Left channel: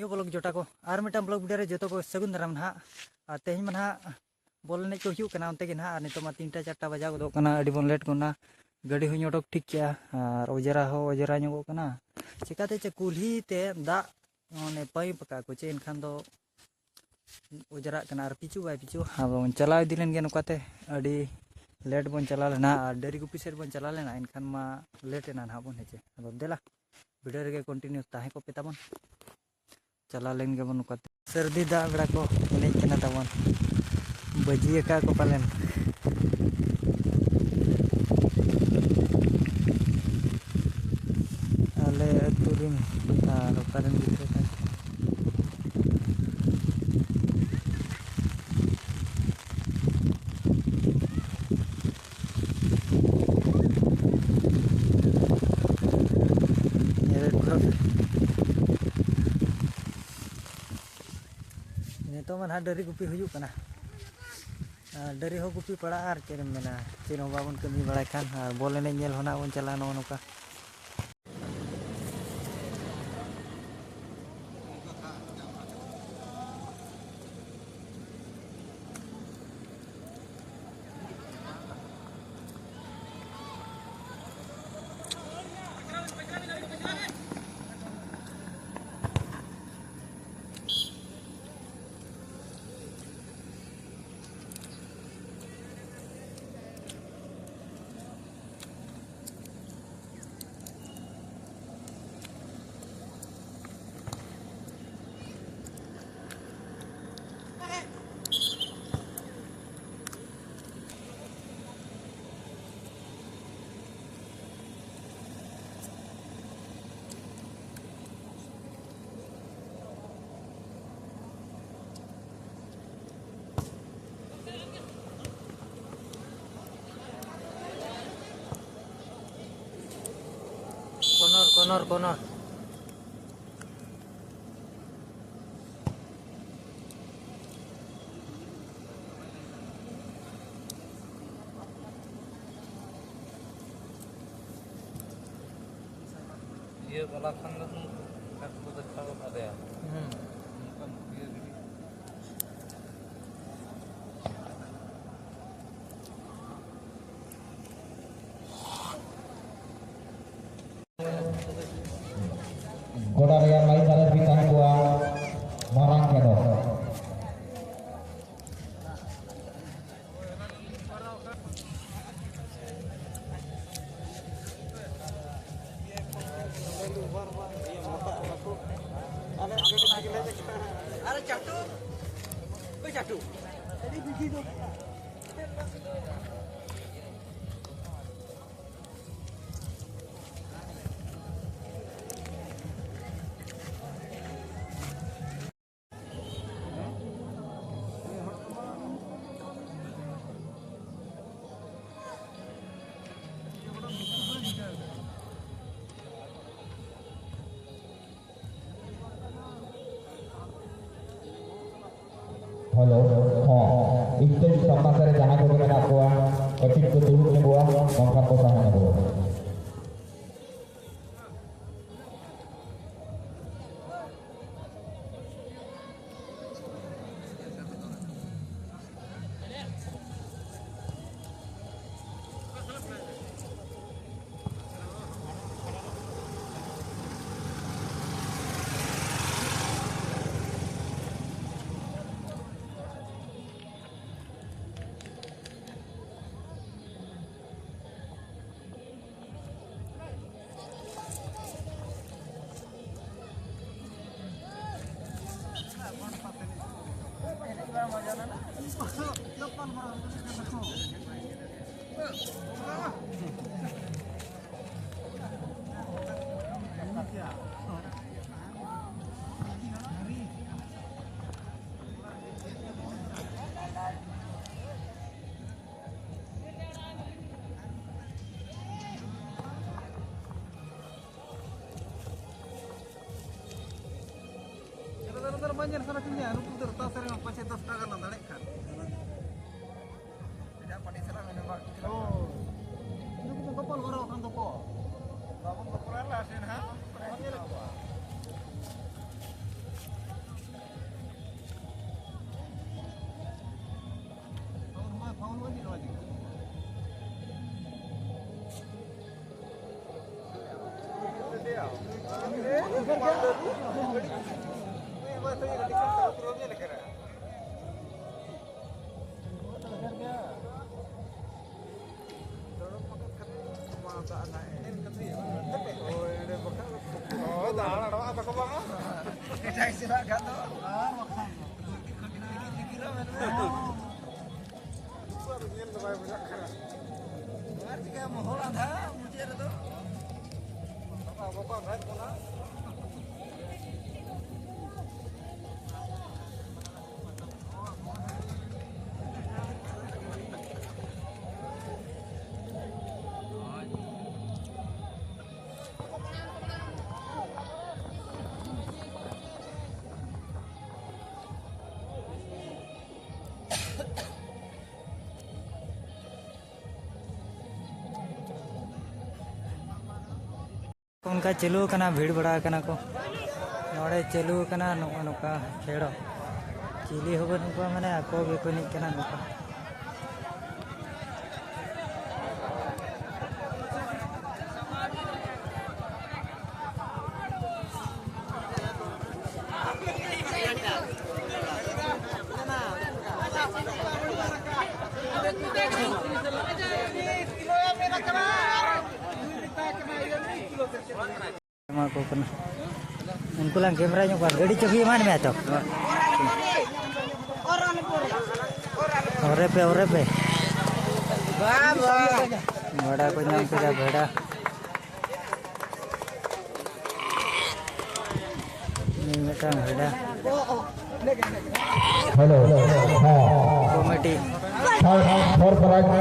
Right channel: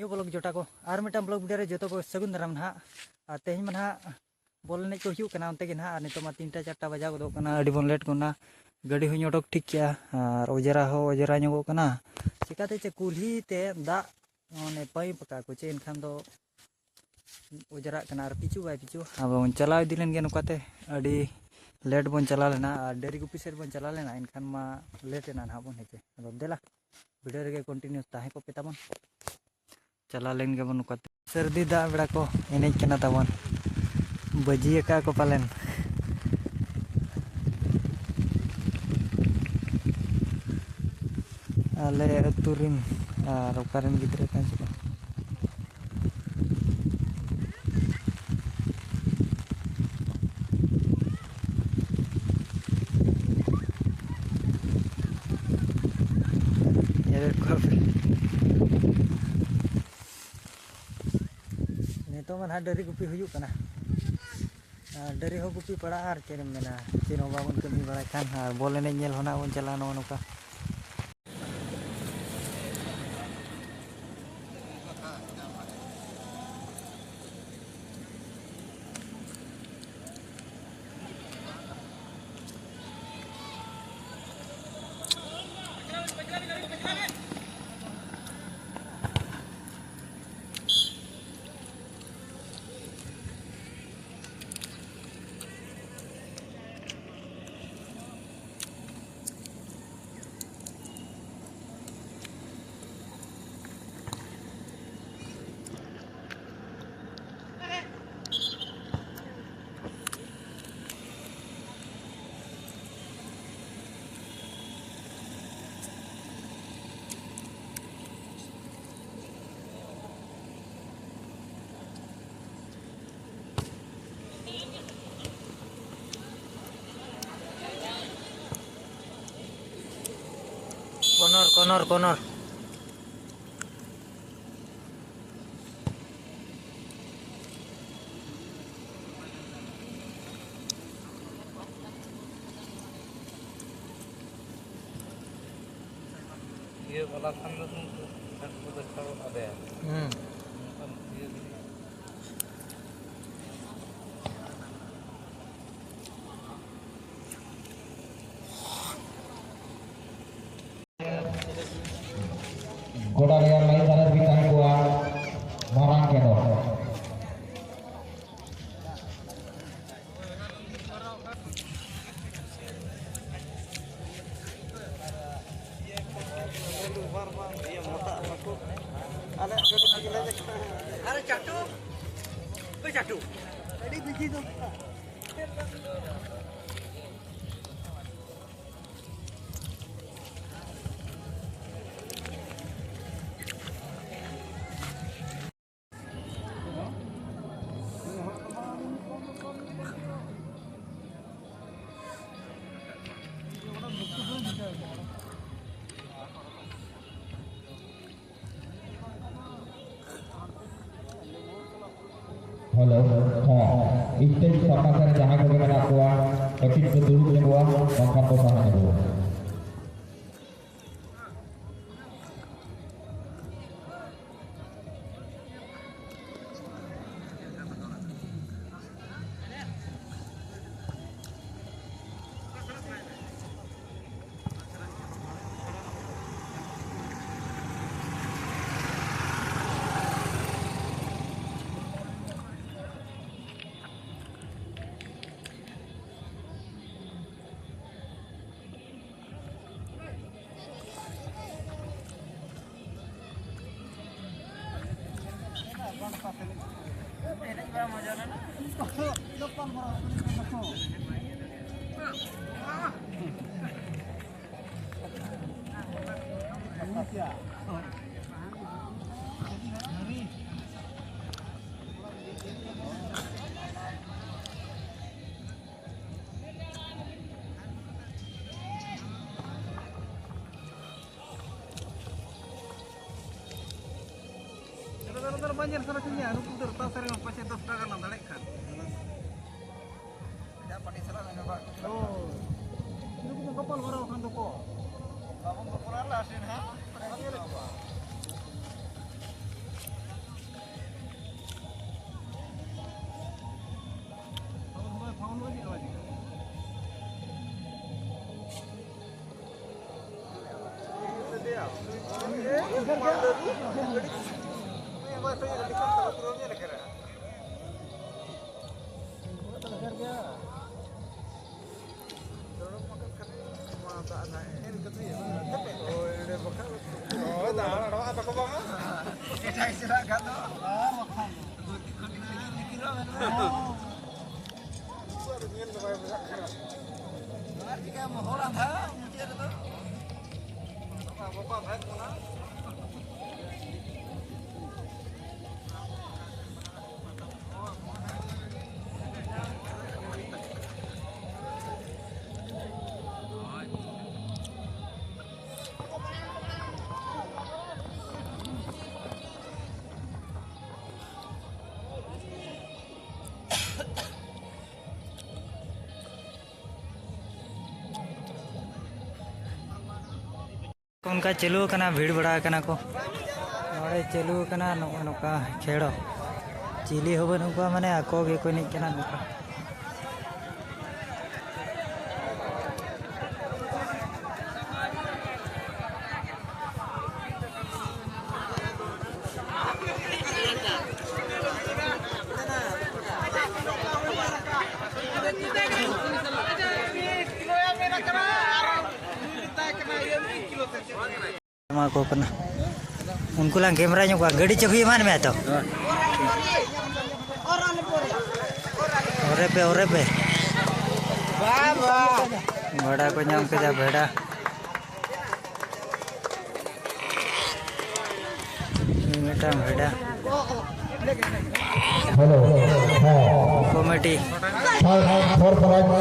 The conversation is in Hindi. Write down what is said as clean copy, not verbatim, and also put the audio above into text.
न्यू ब्लॉग जोटा को और मिट्टन ब्लॉग वीडियो जो को सगुन दाराम ना तेज में ना बॉल एने को होते ना नित में 3टा 4टा बजा गदना अभी बन लेट करना गाड़ी हूँ उडक ठीक किया और अजरा अजरा ᱧᱚᱜᱚᱜ चिकाते चे कुल्हीते दाग ने पाइप का को चे एनखान दो अजरा और पिचू बाय पिचू अब चला इदी लेन गे नोकाते अभी लेट बन चला लेना और डेरी गुपी सेट बन चला लेना एनखान मा लेटेना ना बन हेचे अब देला वीडियो रे कंटिन्यू ताहे को पे ताबन चला लेन गे बन नोकाते सर्दी दा बेड़ा को एनेज कना ताबन बजिए का को पालेन आले अतुरिन और ओकारन गिद्रे का नितो मन डरी गुपी हुयुकना डरी हो गुपी पड़ा और चेन मेना चेन बाबन कमी बड़ा खान और बॉल एने नेल होना बन चला नो नोका Konor ये वाला खाना तो अच्छा होता है गोड़ा रेयर लाइन तरफ भी ताहे हुआ मारांग के दो अरे चाटू कोई चाटू अरे बिजी दो हेलो हां इत्ते sama करे जहां को मेरा कोआ कटिक को दूर ने हुआ बंका को sama दो banyak sana sini anu tu terus sering pasal 10 টাকা না দাঁড়ায় খান এটা পানি serang ada Pak oh ini kita kapal kalau kan toko kapal koran lah sin ha उनका चलू करना भीड़ बड़ा करना को नोड़े चलू करना नौका खेड़ो चिली हो बनुका माने आको गे को नहीं करना नौका को करना उनको ला कैमरा ᱧᱚᱜ गाड़ी चाबी मान में तो ओरे पे बड़ा को नाम के जा भेड़ा मिटा भेड़ा हेलो हां कमेटी थर्ड